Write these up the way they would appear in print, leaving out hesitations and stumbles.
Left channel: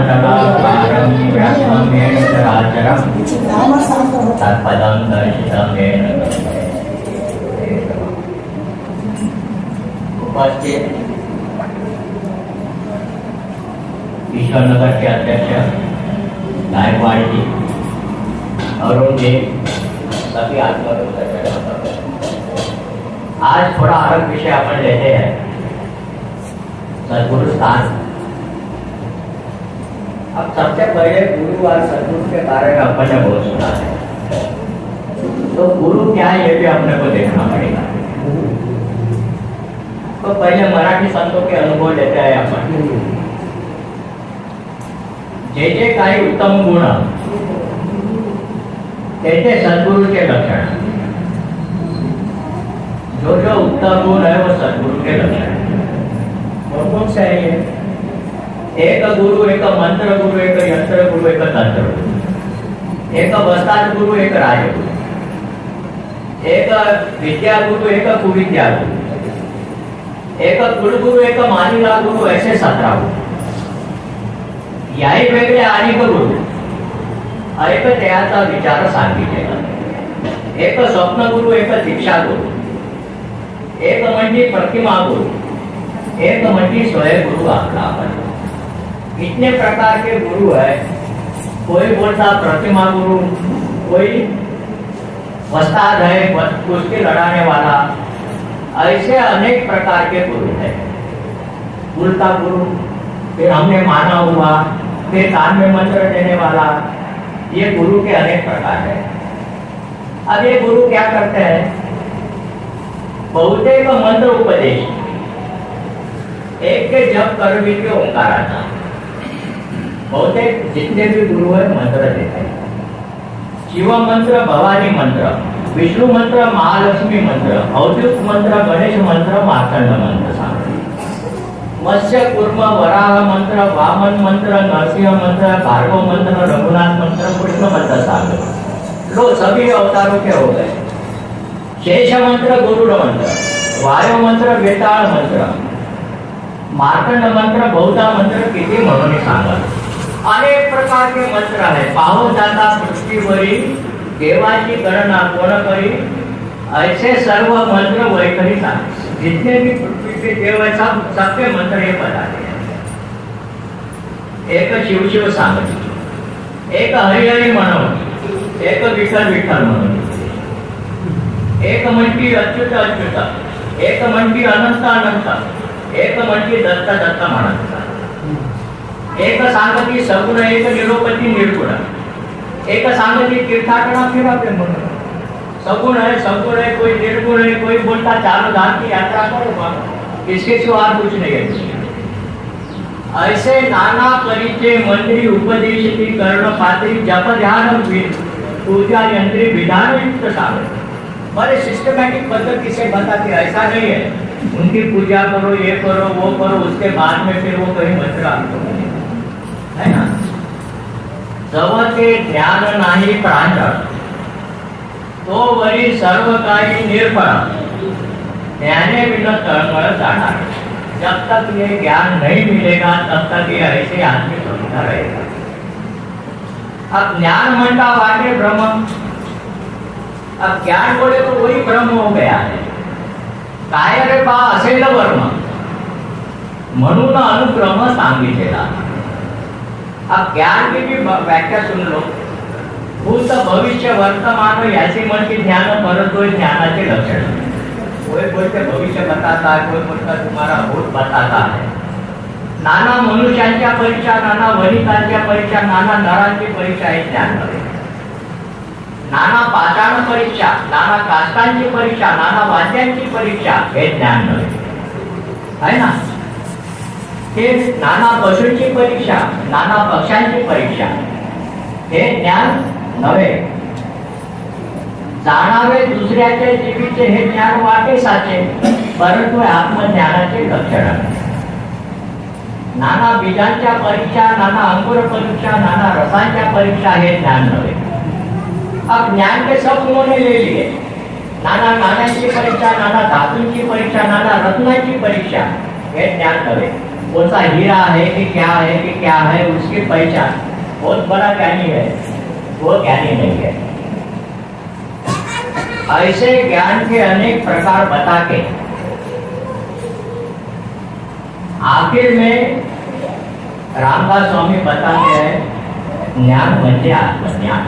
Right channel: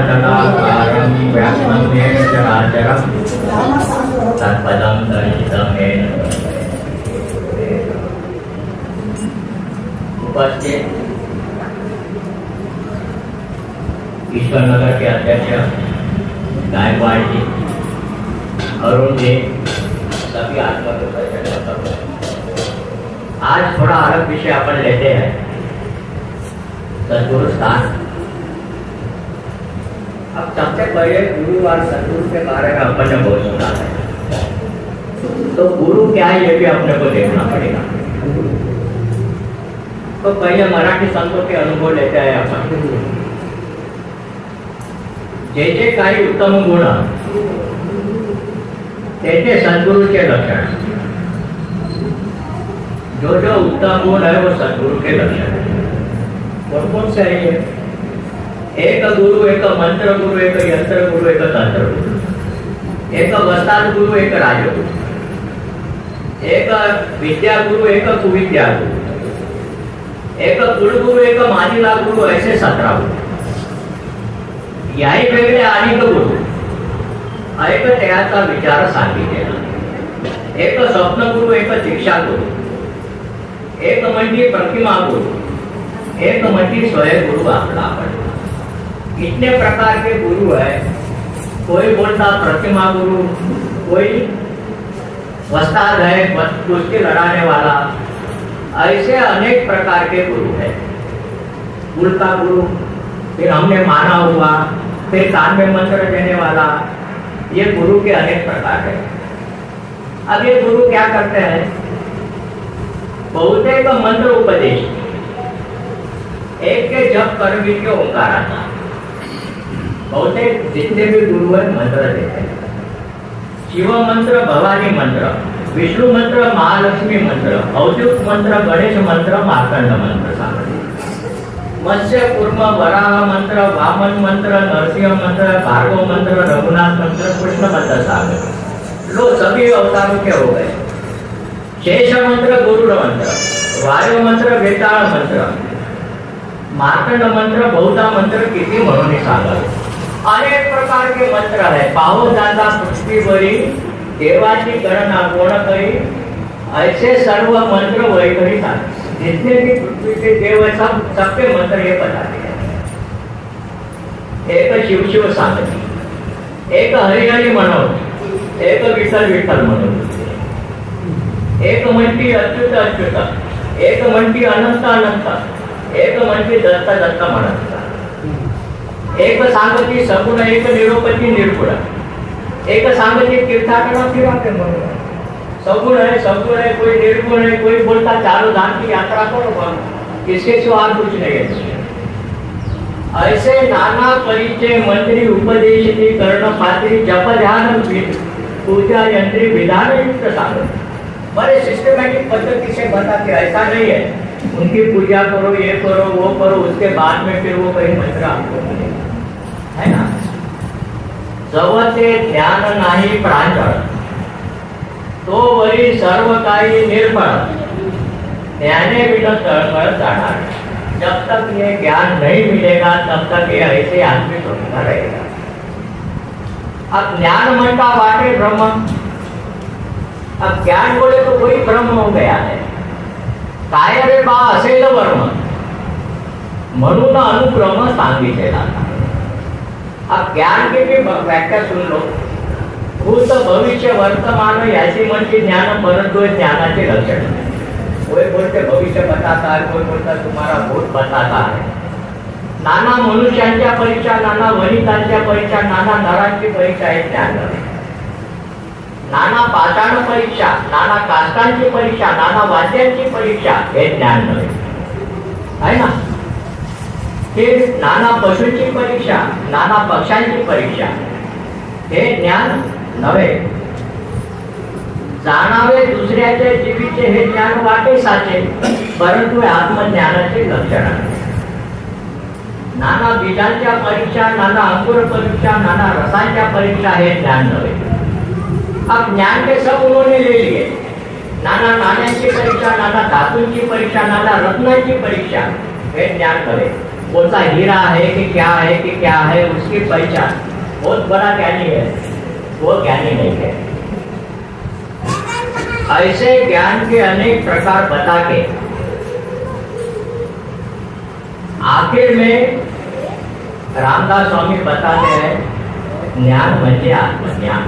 तदाकारं व्याप्तं येन चराचरं तत्पदं दर्शितं येन। उपस्थित ईश्वरनगर के अध्यक्ष गायकवाड़ जी, अरुण जी, सभी आज थोड़ा अलग विषय अपन लेते हैं, सदगुरु स्थान। अब सबसे पहले गुरु और सदगुरु के बारे में अपन ने बहुत सुना है, तो गुरु क्या है ये भी अपने को देखना पड़ेगा। तो पहले मराठी संतों के अनुभव लेते हैं अपन। जे काही उत्तम गुण ते सदगुरु के लक्षण, जो जो उत्तम गुण है वो सदगुरु के लक्षण है। कौन कौन से है? एक गुरु, एक मंत्र गुरु, एक यंत्र गुरु, एक तंत्र गुरु, एक वस्ताद गुरु, एक राजगुरु, एक विद्या गुरु, एक कुविद्या गुरु, एक कुलगुरु, एक मानिला गुरु, ऐसे 17 गुरु। याही वेगळे अनेक गुरु एक त्याचा विचार सांगितलेला। एक स्वप्न गुरु, एक दीक्षा गुरु, एक म्हणजे प्रतिमा गुरु, एक म्हणजे स्वयं गुरु आपला। इतने प्रकार के गुरु है। कोई बोलता प्रतिमा गुरु, कोई वस्ताद है, कुश्ती लड़ाने वाला, ऐसे अनेक प्रकार के गुरु है। उल्टा गुरु, फिर हमने माना हुआ, फिर कान में मंत्र देने वाला, ये गुरु के अनेक प्रकार है। अब ये गुरु क्या करते हैं? बहुतेक मंत्र उपदेश, एक के जप करवी के ओंकाराचा। बहुतेक जितने भी गुरु है मंत्र देते हैं। शिव मंत्र, भवानी मंत्र, विष्णु मंत्र, महालक्ष्मी मंत्र, औद्युक मंत्र, गणेश मंत्र, मार्कंड मंत्र सांगते। मत्स्य कूर्म वराह मंत्र, वामन मंत्र, नरसिंह मंत्र, भार्गव मंत्र, रघुनाथ मंत्र, कृष्ण मंत्र सांगते। लो सभी अवतारों के हो गए। शेष मंत्र, गुरुड़ मंत्र, वायु मंत्र, वेताळ मंत्र, मार्कंड मंत्र, बहुधा मंत्र, किती म्हणून सांगत। अनेक प्रकार के मंत्र है। पाहून जाता पृथ्वीवरी देवाची गणना कोण करी, ऐसे सर्व मंत्र वैखरी था। जितने भी पृथ्वी के देव है सबके मंत्र ये बताते हैं। एक शिव शिव सांगती, एक हरि हरि म्हणून, एक विठ्ठल विठ्ठल म्हणून, एक म्हणती अच्युत अच्युत, एक म्हणती अनंत अनंत, एक म्हणती दत्त दत्त म्हणत। एक सांगती सगुण, एक निरोपती निर्गुण, एक सांगती तीर्थाटना फिरते म्हणून। सगुण है, कोई निर्गुण है, कोई बोलता चारों धाम की यात्रा करो, इसके सिवा कुछ नहीं है। ऐसे नाना परिचय मंत्री उपदेश की कर्ण पात्री, जप ध्यान पूजा यंत्री विधान युक्त साधन, बड़े सिस्टमैटिक पद्धति से बताते। ऐसा नहीं है उनकी पूजा करो, ये करो, वो करो, उसके बाद में फिर वो कहीं मंत्र आपको है ना। जवते ज्ञान नाही प्रांजळ, तो वरी सर्व काही निर्फळ, ज्ञाने बिना तळमळ जाणार। जब तक ये ज्ञान नहीं मिलेगा तब तक ये ऐसे आदमी सोचता रहेगा। अब ज्ञान म्हणता वाटे ब्रह्म, अब ज्ञान बोले तो वही ब्रह्म हो गया है। काय रे बा असेल वर्म, म्हणून अनुक्रम सांगितलेला। अब ज्ञान की भी व्याख्या सुन लो। भूत भविष्य वर्तमान याची म्हणजे ज्ञान, परंतु ज्ञानाचे लक्षण। कोई बोलते भविष्य बताता है, कोई बोलता तुम्हारा भूत बताता है। नाना मनुष्यांच्या परीक्षा, नाना वनितांच्या परीक्षा, नाना नरांची परीक्षा हे ज्ञान नव्हे। नाना पाषाण परीक्षा, नाना काष्टांची परीक्षा, नाना वाद्यांची परीक्षा हे ज्ञान नव्हे, है ना। हे नाना पशूंची परीक्षा, नाना पक्ष्यांची परीक्षा हे ज्ञान नव्हे। जाणावे दुसऱ्याचे जीवीचे हे ज्ञान वाटे साचे, परंतु आत्मज्ञानाचे लक्षण आहे। नाना बीजांच्या परीक्षा, नाना अंकुर परीक्षा, नाना रसांच्या परीक्षा हे ज्ञान नव्हे। अब ज्ञान के सब उन्होंने ले लिए। नाना नाण्यांची परीक्षा, नाना धातूंची परीक्षा, नाना रत्नांची परीक्षा हे ज्ञान नव्हे। कौन सा हीरा है कि क्या है उसकी पहचान बहुत बड़ा ज्ञानी है, वो ज्ञानी नहीं है। ऐसे ज्ञान के अनेक प्रकार बता के आखिर में रामदास स्वामी बताते हैं ज्ञान म्हणजे आत्मज्ञान,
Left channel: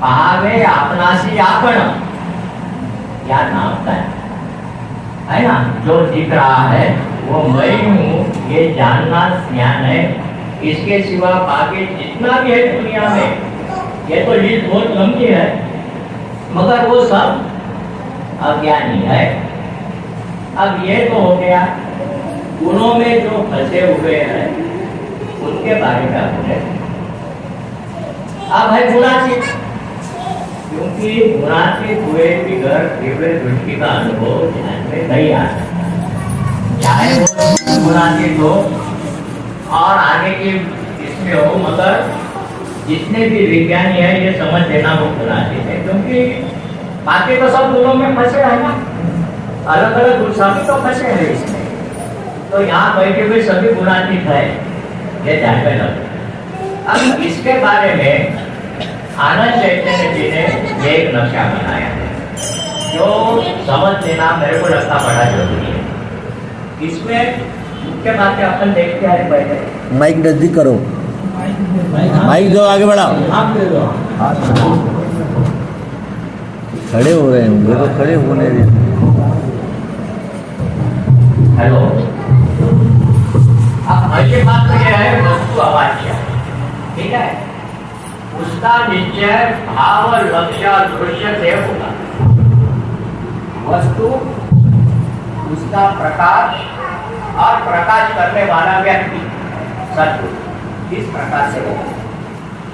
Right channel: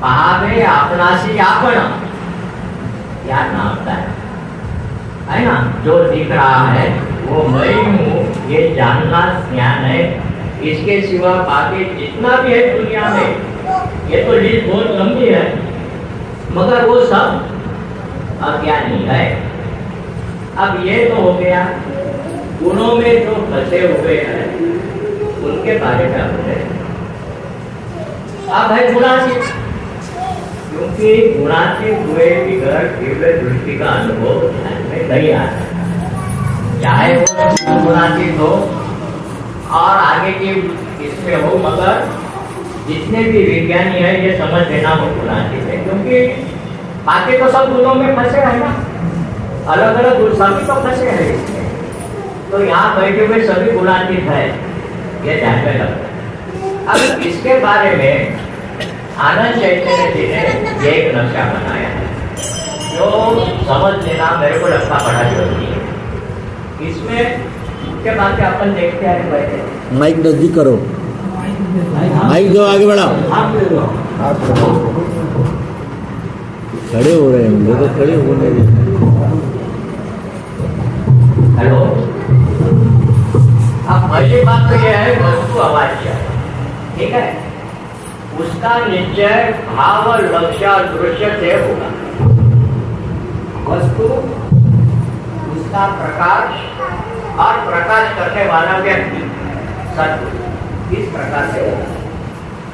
पाहावे आपणासी आपण, क्या नाम है ना। जो दिख रहा है वो मैं हूँ, ये जानना ज्ञान है। इसके सिवा बाकी जितना भी है दुनिया में, ये तो लिस्ट बहुत लंबी है, मगर वो सब अज्ञानी है। अब ये तो हो गया गुणों में जो फंसे हुए हैं उनके बारे में हमने। अब है गुणातीत, क्योंकि गुणातीत हुए भी घर दिव्य दृष्टि का अनुभव ध्यान में नहीं आ सकता, चाहे वो गुणातीत हो और आगे की इसमें हो, मगर जितने भी विज्ञानी है ये समझ लेना वो गुणातीत है, क्योंकि बाकी तो सब गुणों में फंसे है ना, अलग अलग गुण सभी तो फंसे हैं इसमें। तो यहाँ बैठे हुए सभी गुणातीत है, ये ध्यान में रखो। अब इसके बारे में आनंद चैतन्य जी ने एक नक्शा बनाया है जो समझ लेना मेरे को लगता बड़ा जरूरी है। इसमें मुख्य बातें अपन देखते आ रहे बैठे। माइक नजदीक करो, माइक जो आगे बढ़ाओ, खड़े हो रहे हैं लोग, खड़े होने देते। हेलो, अब पहली बात तो यह है वस्तु अवाच्य, ठीक है, उसका निश्चय भाव लक्ष्य दृश्य से होगा। वस्तु, उसका प्रकाश और प्रकाश करने वाला व्यक्ति सत्य इस प्रकार से होगा।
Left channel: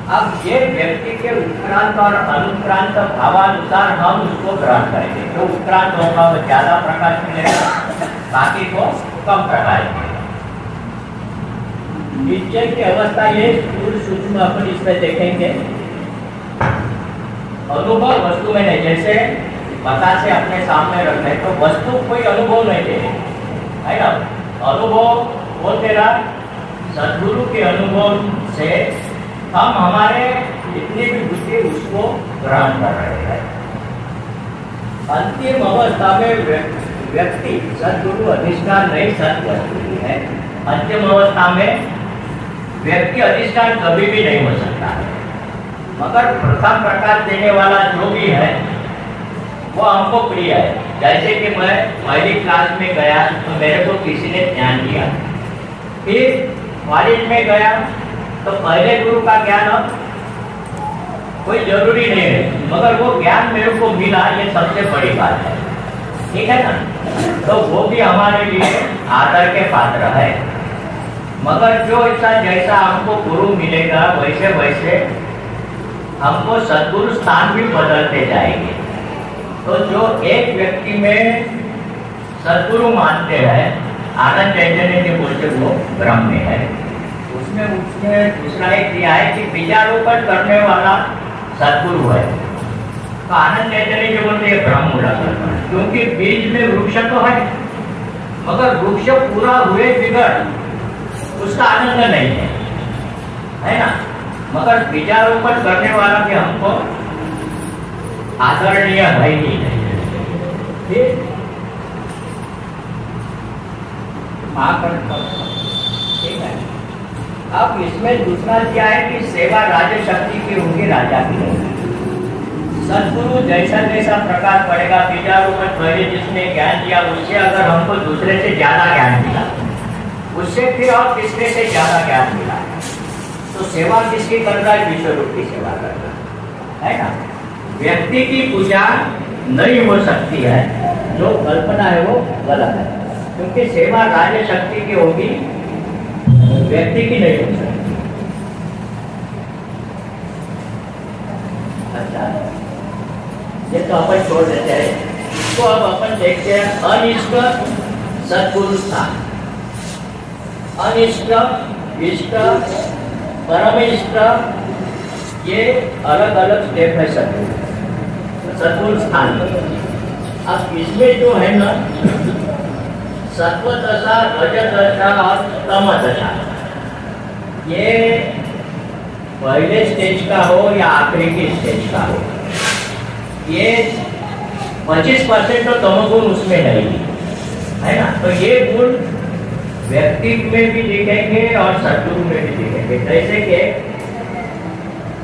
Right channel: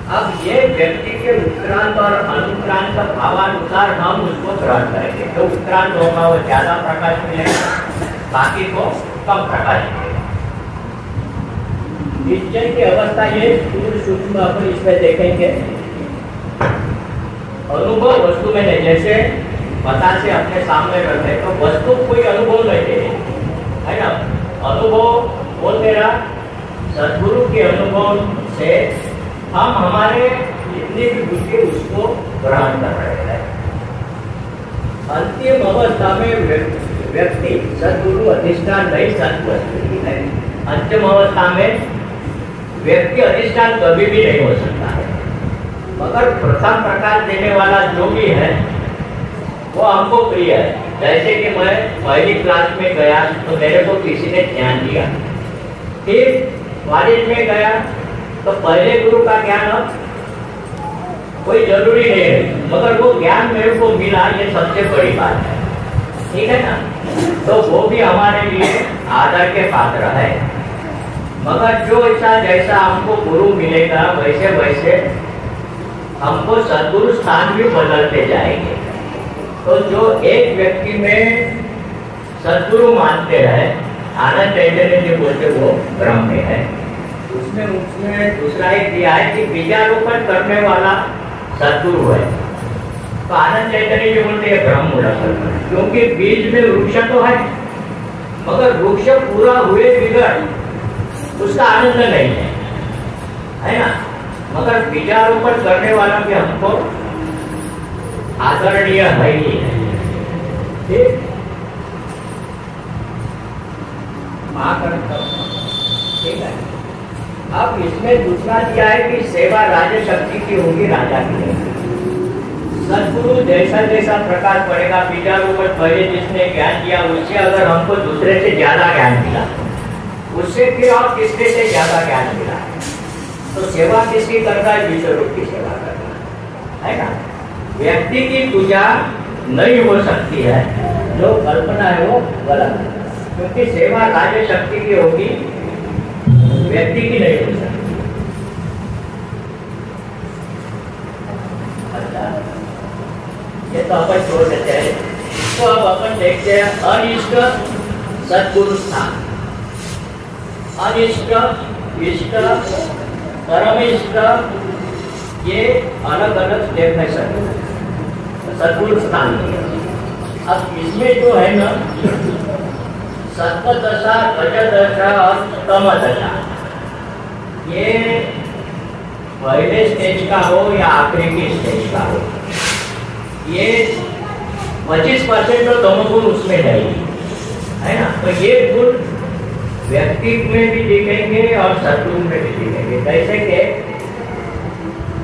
अब ये व्यक्ति के उत्क्रांत और अनुक्रांत भावानुसार हम उसको ग्रहण करेंगे। तो उत्क्रांत होगा वो ज्यादा प्रकाश मिलेगा, बाकी को कम प्रकाश मिलेगा। निश्चय की अवस्था ये स्थूल सूक्ष्म अपन इसमें देखेंगे। अनुभव वस्तु में नहीं, जैसे बतासे अपने सामने रखते तो वस्तु कोई अनुभव नहीं दे रही है ना। अनुभव वो तेरा सद्गुरु के अनुभव से हम हमारे जितनी भी बुद्धि उसको ग्रहण कर रहे हैं। अंतिम अवस्था में व्यक्ति सद्गुरु अधिष्ठान नहीं सत्वस्तु है। अंतिम अवस्था में व्यक्ति अधिष्ठान कभी भी नहीं हो सकता है, मगर प्रथम प्रकाश देने वाला जो भी है वो हमको प्रिय है। जैसे कि मैं पहली क्लास में गया तो मेरे को किसी ने ज्ञान दिया, फिर कॉलेज में गया तो पहले गुरु का ज्ञान अब कोई जरूरी नहीं है, मगर वो ज्ञान मेरे को मिला, ये सबसे बड़ी बात है, ठीक है ना। तो वो भी हमारे लिए आदर के पात्र है। मगर जो ऐसा जैसा हमको गुरु मिलेगा वैसे वैसे हमको सद्गुरु स्थान भी बदलते जाएंगे। तो जो एक व्यक्ति में सद्गुरु मानते हैं, आनंद चैतन्य जी बोलते वो ब्रह्म में है। उसमें दूसरा एक दिया है कि बीजारोपण करने वाला सद्गुरु है। तो आनंद चैतन्य जी बोलते हैं ब्रह्म बोला, क्योंकि बीज में वृक्ष तो है, मगर वृक्ष पूरा हुए बिगड़ उसका आनंद नहीं है ना। मगर बीजारोपण करने वाला भी हमको आदरणीय है ही नहीं, ठीक है। अब इसमें दूसरा क्या है कि सेवा राज्य शक्ति की होगी, राजा की नहीं। सद्गुरु जैसा जैसा प्रकाश पड़ेगा, बीजारोपण पहले जिसने ज्ञान दिया उससे अगर हमको दूसरे से ज्यादा ज्ञान मिला, उससे फिर और तीसरे से ज्यादा ज्ञान मिला, तो सेवा किसकी करता है? विश्व रूप की सेवा करता है ना। व्यक्ति की पूजा नहीं हो सकती है, जो कल्पना है वो गलत है, क्योंकि सेवा राज्य शक्ति की होगी, व्यक्ति की नहीं हो सकती। अच्छा, ये तो अपन छोड़ देते हैं। तो अब अपन देखते हैं अनिष्ट सद्गुरु स्थान। अनिष्ट, इष्ट, परमिष्ट, ये अलग अलग डेफिनेशन है सद्गुरु स्थान। अब इसमें जो है ना सत्वदशा, रजदशा और तमदशा, ये पहले स्टेज का हो या आखिरी की स्टेज का हो, ये 25% तो तमोगुण उसमें नहीं है ना। तो ये गुण व्यक्तित्व में भी दिखेंगे और सत्गुण में भी दिखेंगे। जैसे कि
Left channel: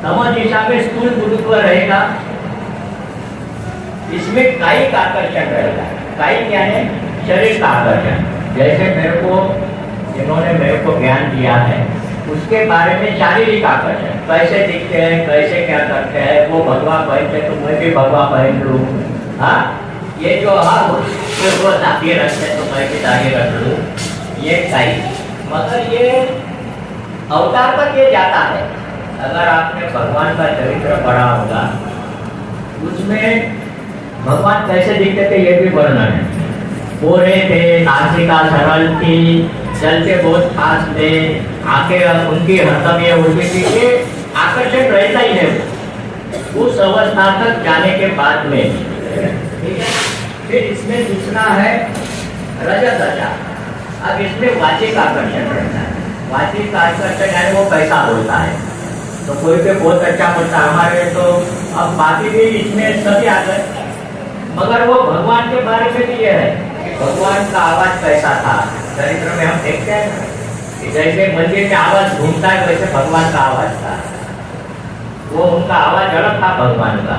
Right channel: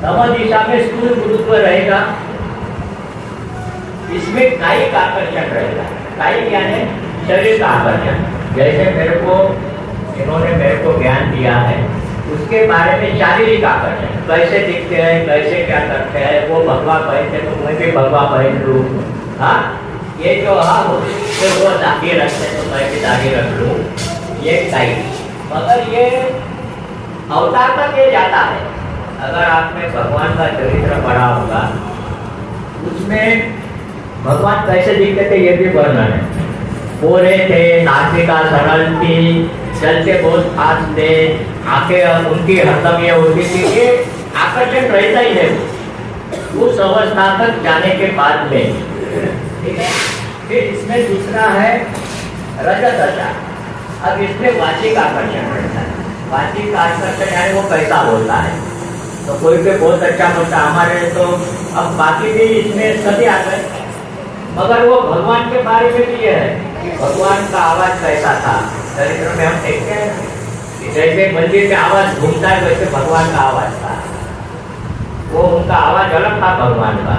तम दिशा में स्थूल गुरुत्व रहेगा, इसमें कायिक आकर्षण रहेगा। कायिक यानी शरीर का आकर्षण। जैसे इन्होंने मेरे को ज्ञान दिया है, उसके बारे में शारीरिक आकर्षण, कैसे दिखते हैं, कैसे क्या करते हैं, वो भगवा पहनते तो मैं भी भगवा पहन लूँ। हाँ, ये जो वो दागी रखते तो मैं भी दागी रख लूँ, ये कायिक। मगर ये अवतार तक ये जाता है। अगर आपने भगवान का चरित्र पढ़ा होगा, उसमें भगवान कैसे दिखते थे ये भी वर्णन है। गोरे थे, नासिका सरल थी, चलते बहुत फास्ट थे, आंखें उनकी हरदम ये होती थी, ये आकर्षण रहता ही है उस अवस्था तक जाने के बाद में। ठीक है। फिर इसमें दूसरा है रजदशा। अब इसमें वाचिक आकर्षण रहता है। वाचिक आकर्षण यानी वो कैसा बोलता है, तो कोई भी बहुत अच्छा बोलता है हमारे, तो अब बाकी भी इसमें सभी आते हैं। मगर वो भगवान के बारे में भी यह है कि भगवान का आवाज कैसा था। चरित्र में हम देखते हैं कि जैसे मंदिर में आवाज घूमता है, वैसे भगवान का आवाज था, वो उनका आवाज अलग था भगवान का।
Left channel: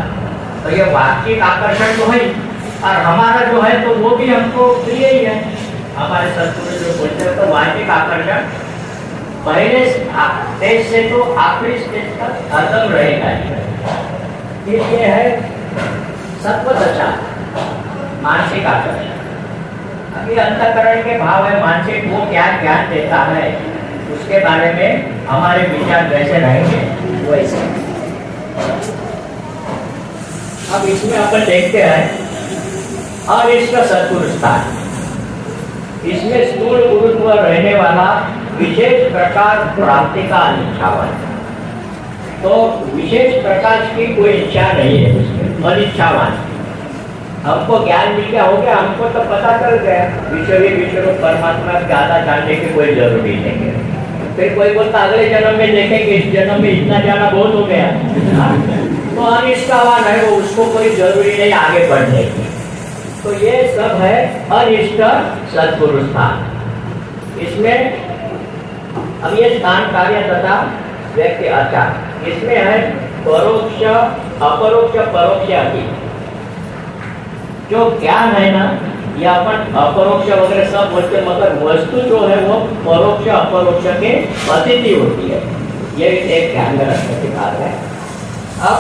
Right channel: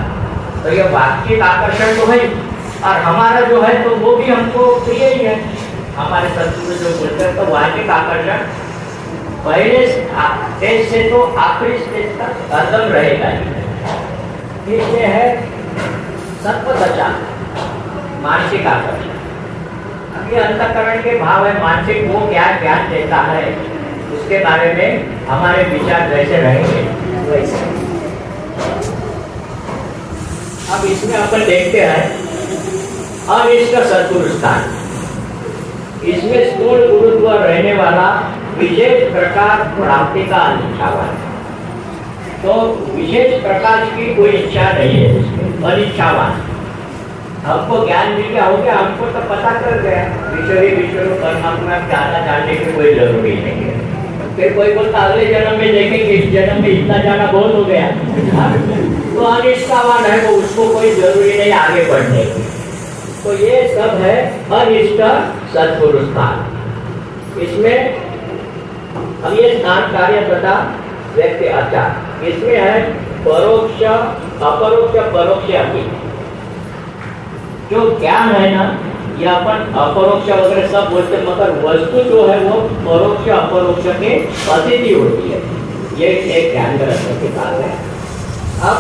तो ये वाचिक आकर्षण तो है, और हमारा जो है तो वो भी हमको प्रिय ही है। हमारे सत्पुरुष जो बोलते हैं तो वाचिक आकर्षण पहले स्टेज से तो आखिरी स्टेज तक हरदम रहेगा ही। फिर ये है सत्वदशा, मानसिक आकर्षण। अभी अंतःकरण के भाव है, मानसिक वो क्या ज्ञान देता है, उसके बारे में हमारे विचार जैसे रहेंगे वैसे। अब इसमें अपन देखते हैं अनिष्ट सत्पुरुष स्थान। इसमें स्थूल गुरुत्व रहने वाला विशेष प्रकार प्राप्ति का अनिच्छावान। तो विशेष प्रकार की कोई इच्छा नहीं है उसमें, अनिच्छावान। हमको ज्ञान मिल गया हो गया, हमको तो पता चल गया विश्व परमात्मा ज्यादा जानने की कोई जरूरी नहीं है। फिर कोई बोलता अगले जन्म में देखेंगे, इस जन्म में इतना जाना बहुत हो गया, तो अनिष्ठावान है वो, उसको कोई जरूरी नहीं आगे बढ़ने की। तो ये सब है अनिष्ट सत्पुरुष स्थान। इसमें अब ये स्थान कार्य तथा व्यक्ति आचार, इसमें है परोक्ष, अपरोक्ष, परोक्ष आदि। जो ज्ञान है ना, ये अपन अपरोक्ष वगैरह सब बोलते, मगर वस्तु जो है वो परोक्ष अपरोक्ष के अतिथि होती है। ये एक ज्ञान ग्रंथ की बात है। अब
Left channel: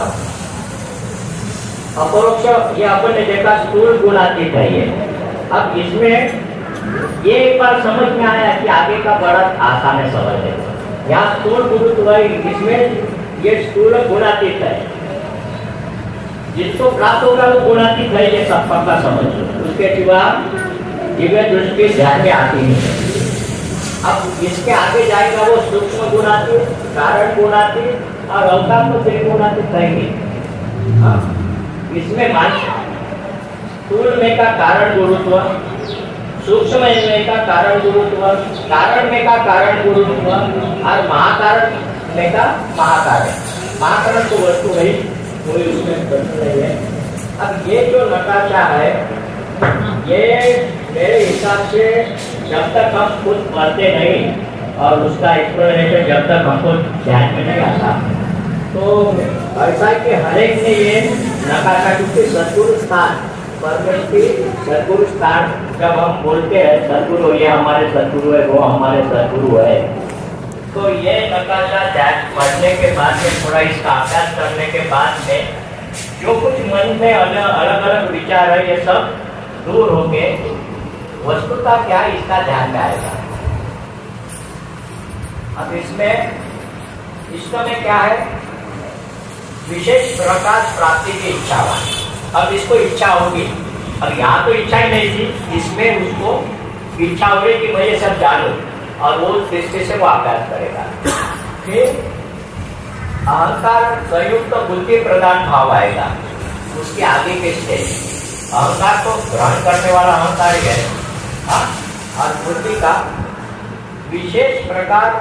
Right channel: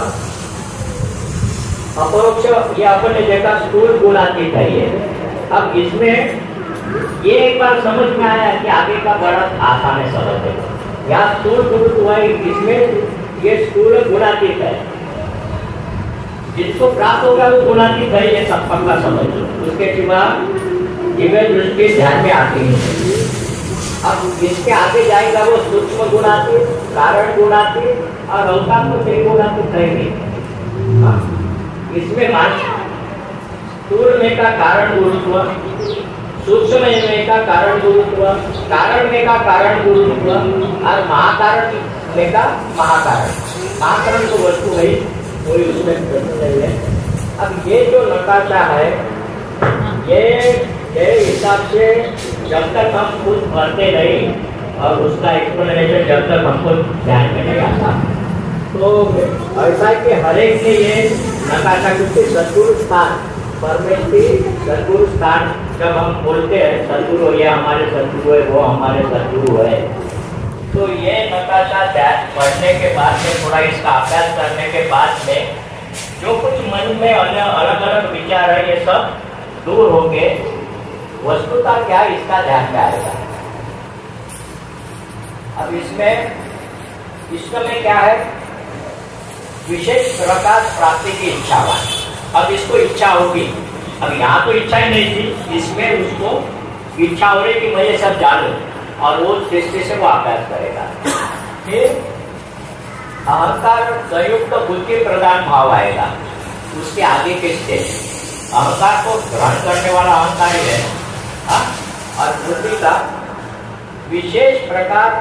अपरोक्ष ये अपन ने देखा स्थूल गुणातीत है ये। अब इसमें ये एक बार समझ में आया कि आगे का बड़ा आसान है, समझ है। यहाँ स्थूल गुरुत्व है, इसमें ये स्थूल गुणातीत है। जिसको प्राप्त होगा वो गुणातीत है, ये सब पक्का समझ लो। उसके सिवा दिव्य दृष्टि ध्यान में आती नहीं। अब इसके आगे जाएगा वो सूक्ष्म गुणातीत, कारण गुणातीत और अवतार तो फिर गुणातीत रहेंगे। इसमें स्थूल में का कारण गुरुत्व, सूक्ष्म में का कारण गुरुत्व, कारण में का कारण गुरुत्व और महाकारण में का महाकारण। महाकारण तो वस्तु नहीं, कोई उसमें प्रश्न नहीं है। अब ये जो नकाशा है, ये मेरे हिसाब से जब तक हम खुद पढ़ते नहीं और उसका एक्सप्लेनेशन जब तक हमको ध्यान में नहीं आता, तो ऐसा है कि हर एक ने ये नकाशा, क्योंकि सद्गुरु स्थान परमेष्टि सद्गुरु स्थान जब हम बोलते हैं सद्गुरु, ये हमारे सद्गुरु है, वो हमारे सद्गुरु है, तो ये नकाशा पढ़ने के बाद में, थोड़ा इसका अभ्यास करने के बाद में जो कुछ मन में अलग अलग विचार है, ये सब दूर होके वस्तुता क्या इसका ध्यान में आएगा। अब इसमें क्या है, विशेष प्रकाश प्राप्ति की इच्छा। अब इसको इच्छा होगी, अब यहाँ तो इच्छा ही नहीं थी, इसमें उसको इच्छा हो रही कि मैं ये सब जानूं, और वो दृष्टि से वो अभ्यास करेगा। फिर अहंकार संयुक्त बुद्धि प्रदान भाव आएगा, उसके आगे के स्टेज। अहंकार तो ग्रहण करने वाला अहंकार ही है, और बुद्धि का विशेष प्रकार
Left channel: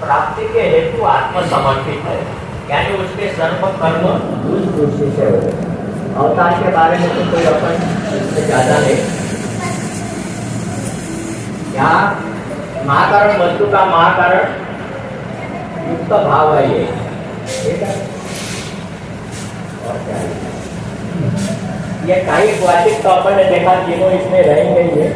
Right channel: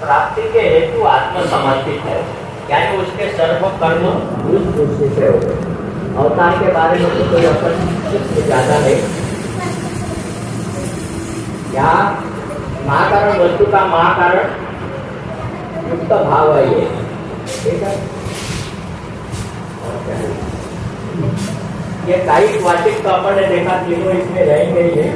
प्राप्ति के हेतु आत्मसमर्पित है, यानी उसके सर्व कर्म उस दृष्टि से हो। अवतार के बारे में तो कोई अपन इससे ज्यादा नहीं। यहाँ महाकारण वस्तु का महाकारण युक्त भाव है ये, ठीक है। और क्या है? ये काही क्लासिक तो अपन ने देखा, तीनों इसमें रहेंगे ये